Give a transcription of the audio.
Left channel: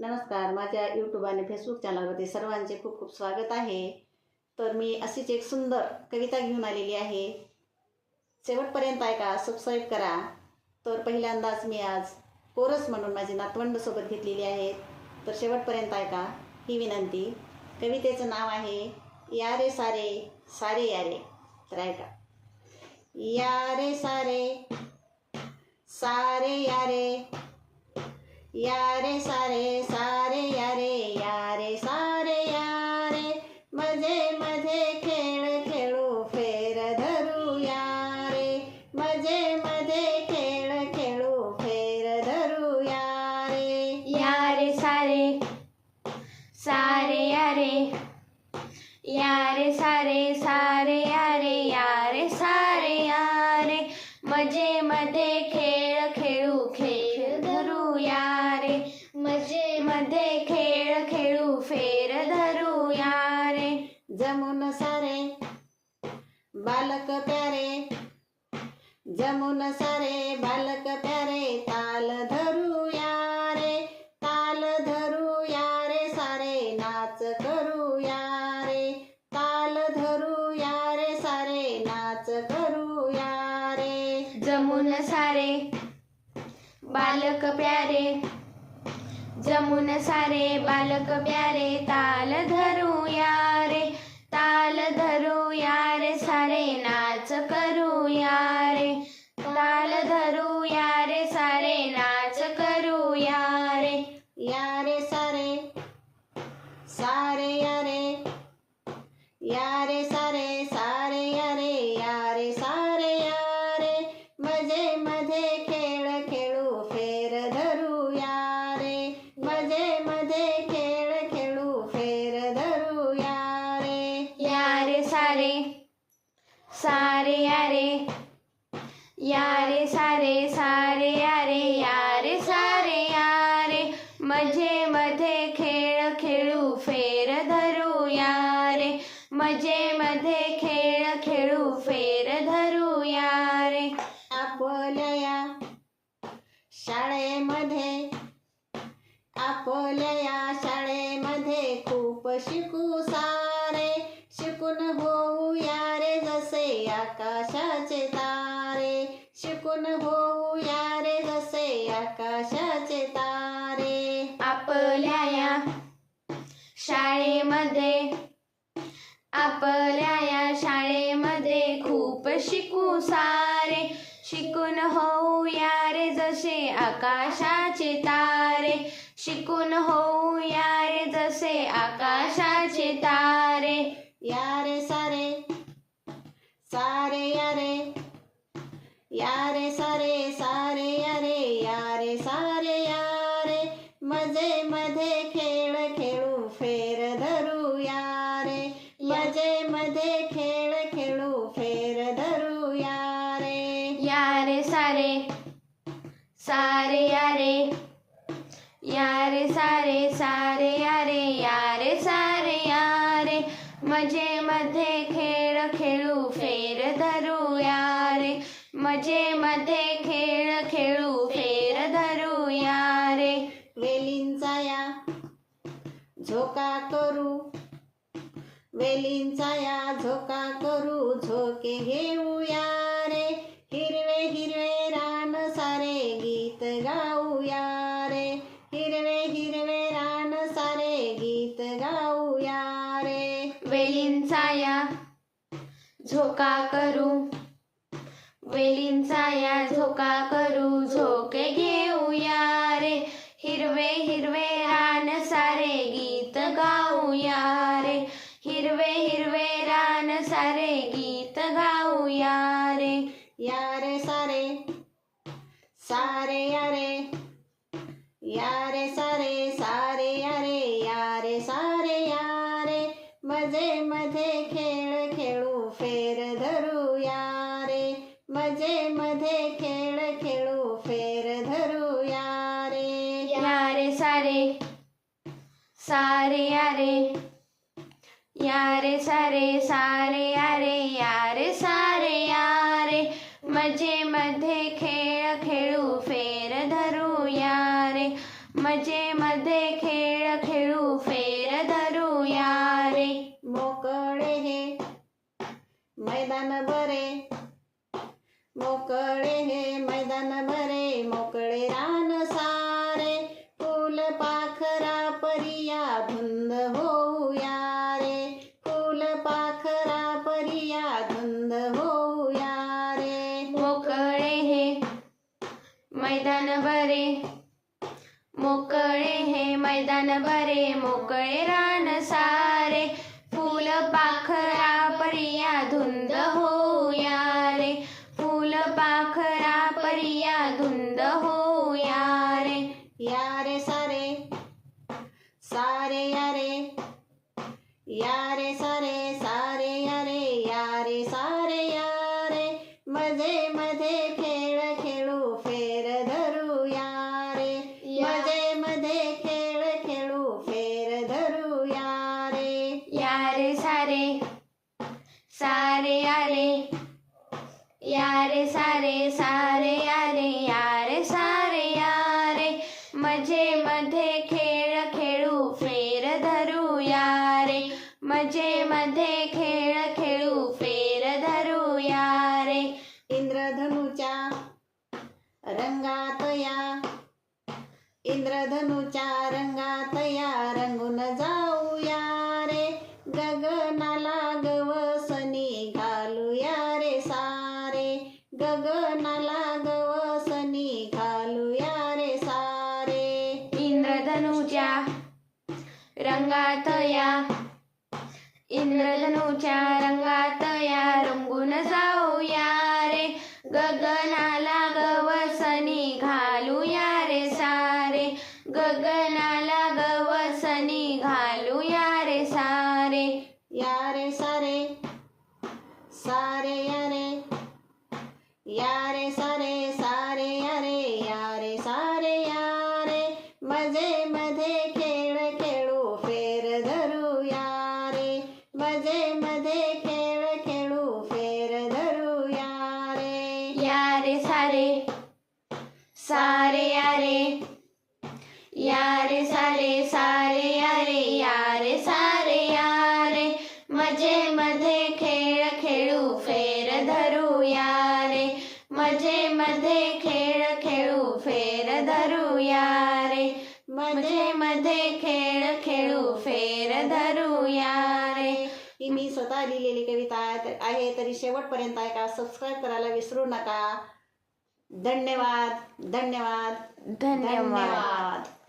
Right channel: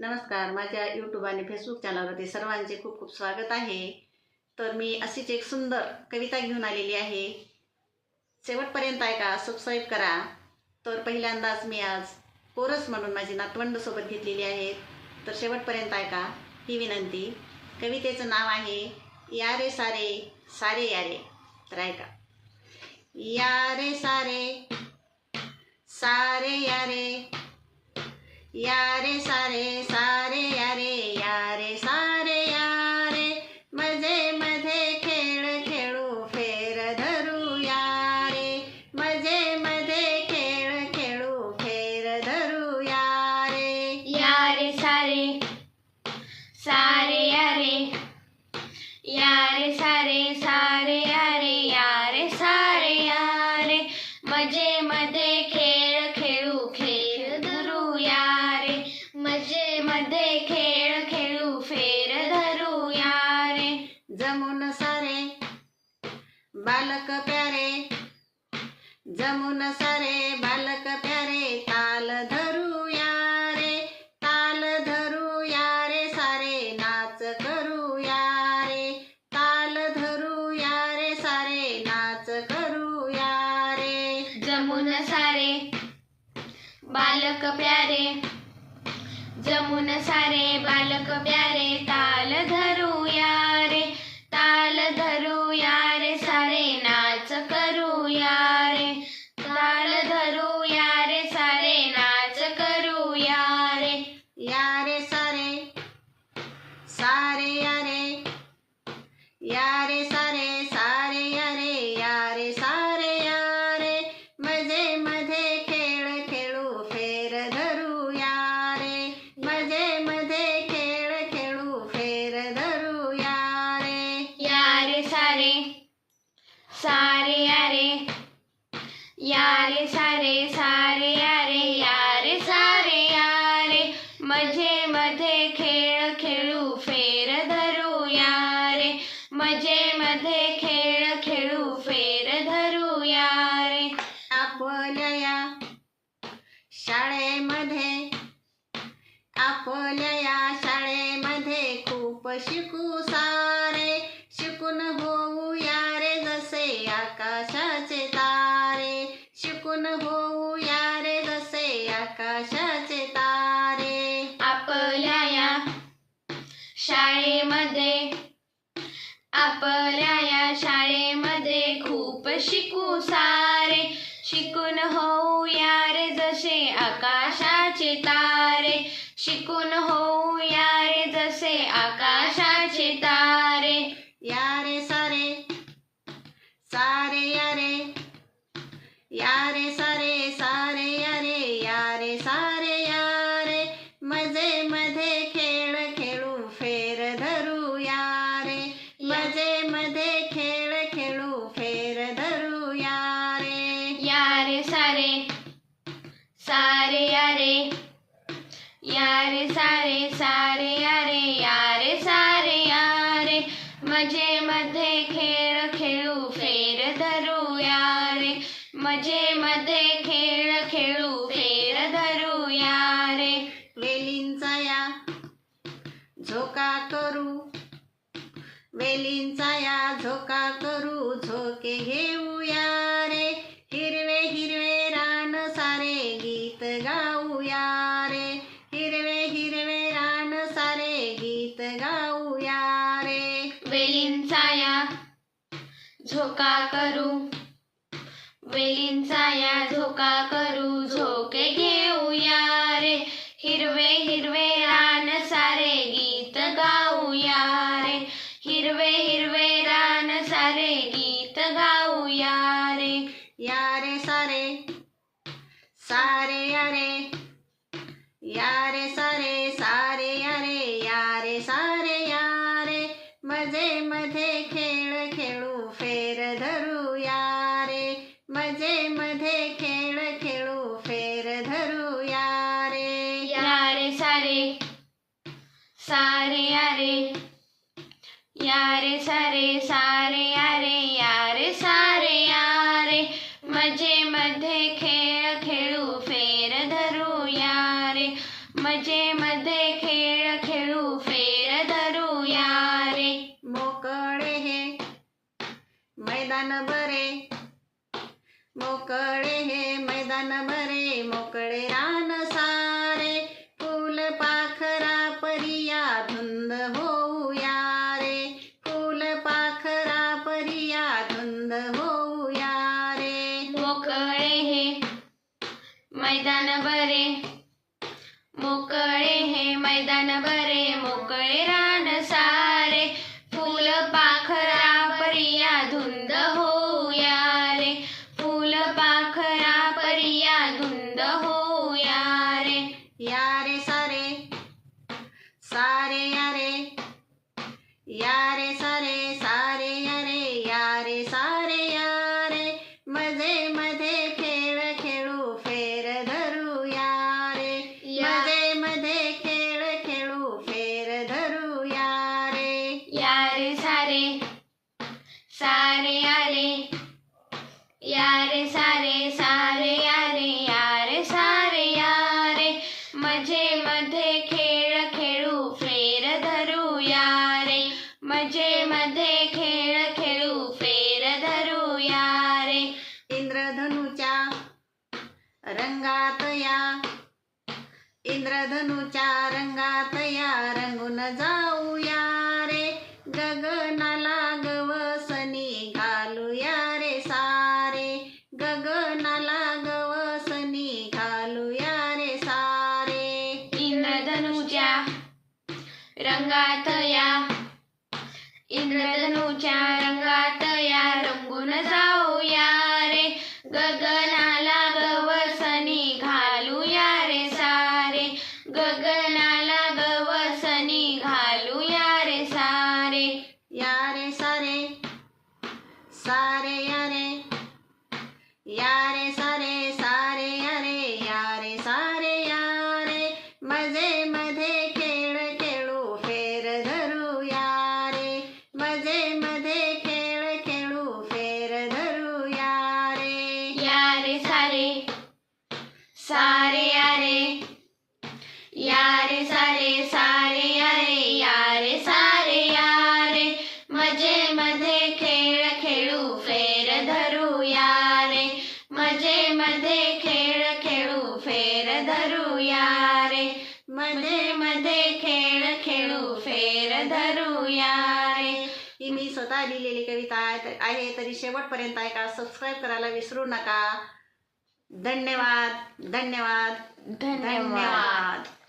नमस्कार, माझ्या यूट्यूब आणि फेसबुक चॅनलवरती सर्वांचे खूप खूप स्वागत आहे. तर मी अशीच एक सुंदर कविता घेऊन आलेली आहे. शेवटपर्यंत ऐका, सबस्क्राईब करा. तर पहिल्यांदाच मी आज कोरस म्हणून माझी नातवंडसोबत घेतलेली आहे. तर शेवटपर्यंत ऐका ही विनंती. कवितेचं नाव आहे यारे सारे सारे यारे. तर ऐका. यारे सारे सारे यारे, यारे सारे सारे यारे, यारे सारे यारे, मजे मध्ये खेळ खेळू फेर धरू यारे, मजे मध्ये खेळ खेळू फेर धरू यारे. यारे सारे सारे यारे, यारे सारे सारे यारे, यारे सारे यारे, मजे मध्ये खेळ खेळू खेळ धरू यारे, मजे मध्ये खेळ खेळू फेर धरू यारे. जमुन सारे बालक प्यारे, जमुन सारे बालक प्यारे, ताल धरू यारे, ताल धरू यारे सारे, नाच करू यारे, ताल धरू यारे सारे, नाच करू यारे. जमुन सारे बालक प्यारे, जमुन सारे बालक प्यारे, ताल धरू यारे, ताल धरू यारे सारे, नाच करू यारे, ताल धरू यारे सारे, नाच करू यारे. यारे सारे सारे यारे, यारे सारे सारे यारे, यारे सारे यारे, मजे मध्ये खेळ खेळू फेर धरू यारे, मजे मध्ये खेळ खेळू फेर धरू यारे. यारे सारे सारे यारे, यारे सारे सारे यारे, यारे सारे यारे, मजे मध्ये खेळ खेळू फेर धरू यारे, मजे मध्ये खेळ खेळू फेर धरू यारे. आपल्या या शाळेमध्ये, आपल्या या शाळेमध्ये खूप शिकू सारे, शिकून होऊ यारे जसे आकाशाचे तारे, शिकून होऊ यारे जसे आकाशाचे तारे. आपल्या या शाळेमध्ये, आपल्या या शाळेमध्ये खूप शिकू सारे, शिकून होऊ यारे जसे आकाशाचे तारे, शिकून होऊ यारे जसे आकाशाचे तारे. यारे सारे सारे यारे, यारे सारे सारे यारे, यारे सारे यारे, मजे मध्ये खेळ खेळू फेर धरू यारे, मजे मध्ये खेळ खेळू फेर धरू यारे. यारे सारे सारे यारे, यारे सारे सारे यारे, यारे सारे यारे, मजे मध्ये खेळ खेळू फेर धरू यारे, मजे मध्ये खेळ खेळू फेर धरू यारे. वेलींचा या झोका करू, वेलींचा या झोका करू, झोके घेऊ यारे, हिरवे हिरवे रान सारे गीत गाऊ यारे, हिरवे हिरवे रान सारे गीत गाऊ यारे. वेलींचा या झोका करू, वेलींचा या झोका करू, झोके घेऊ यारे, हिरवे हिरवे रान सारे गीत गाऊ यारे, हिरवे हिरवे रान सारे गीत गाऊ यारे. यारे सारे सारे यारे, यारे सारे सारे यारे, यारे सारे यारे, मजे मध्ये खेळ खेळू फेर धरू यारे, मजे मध्ये खेळ खेळू फेर धरू यारे. यारे सारे सारे यारे, यारे सारे सारे यारे, यारे सारे यारे, मजे मध्ये खेळ खेळू फेर धरू यारे, मजे मध्ये खेळ खेळू फेर धरूया रे. मोकळे हे मैदान बरे, मोकळे हे मैदान बरे, मोकळे रान सारे, फुल पाखरा परिया धुंद होऊया रे, फुल पाखरा परिया धुंद होऊया रे. मोकळे हे मैदान बरे, मोकळे हे मैदान बरे, मोकळे रान सारे, फुल पाखरा परिया धुंद होऊया रे, फुल पाखरा परिया धुंद होऊया रे. या रे सारे सारे या रे, या रे सारे सारे या रे, या रे सारे या रे, मजे मध्ये खेळ खेळू फेर धरूया रे, मजे मध्ये खेळ खेळू फेर धरूया रे. या रे सारे सारे या रे, या रे सारे सारे या रे, या रे सारे या रे, मजे मध्ये खेळ खेळू फेर धरूया रे, मजे मध्ये खेळ खेळू फेर धरूया रे. इंद्रधनुच्या रंगात या, इंद्रधनुच्या रंगात या, रंगून जाऊया रे, गगनाला गवसनी घालूया रे सारे, गगनाला गवसनी घालूया रे सारे. इंद्रधनुच्या रंगात या, इंद्रधनुच्या रंगात या, रंगून जाऊया रे, गगनाला गवसनी घालूया रे सारे, गगनाला गवसनी घालूया रे सारे. या रे सारे सारे या रे, या रे सारे सारे या रे, या रे सारे या रे, मजे मध्ये खेळ खेळू फेर धरूया रे, मजे मध्ये खेळ खेळू फेर धरूया रे. या रे सारे सारे या रे, या रे सारे सारे या रे, या रे सारे या रे, मजे मध्ये खेळ खेळू फेर धरूया रे, मजे मध्ये खेळ खेळू फेर धरूया रे, मजे मध्ये खेळ खेळू फेर धरूया रे. ही मी स्वतः लिहिलेली कविता आहे, तरी शेवटपर्यंत ऐका, सबस्क्राईब करायला विसरू नका. धन्यवाद धन्यवाद धन्यवाद. धन्यवाद.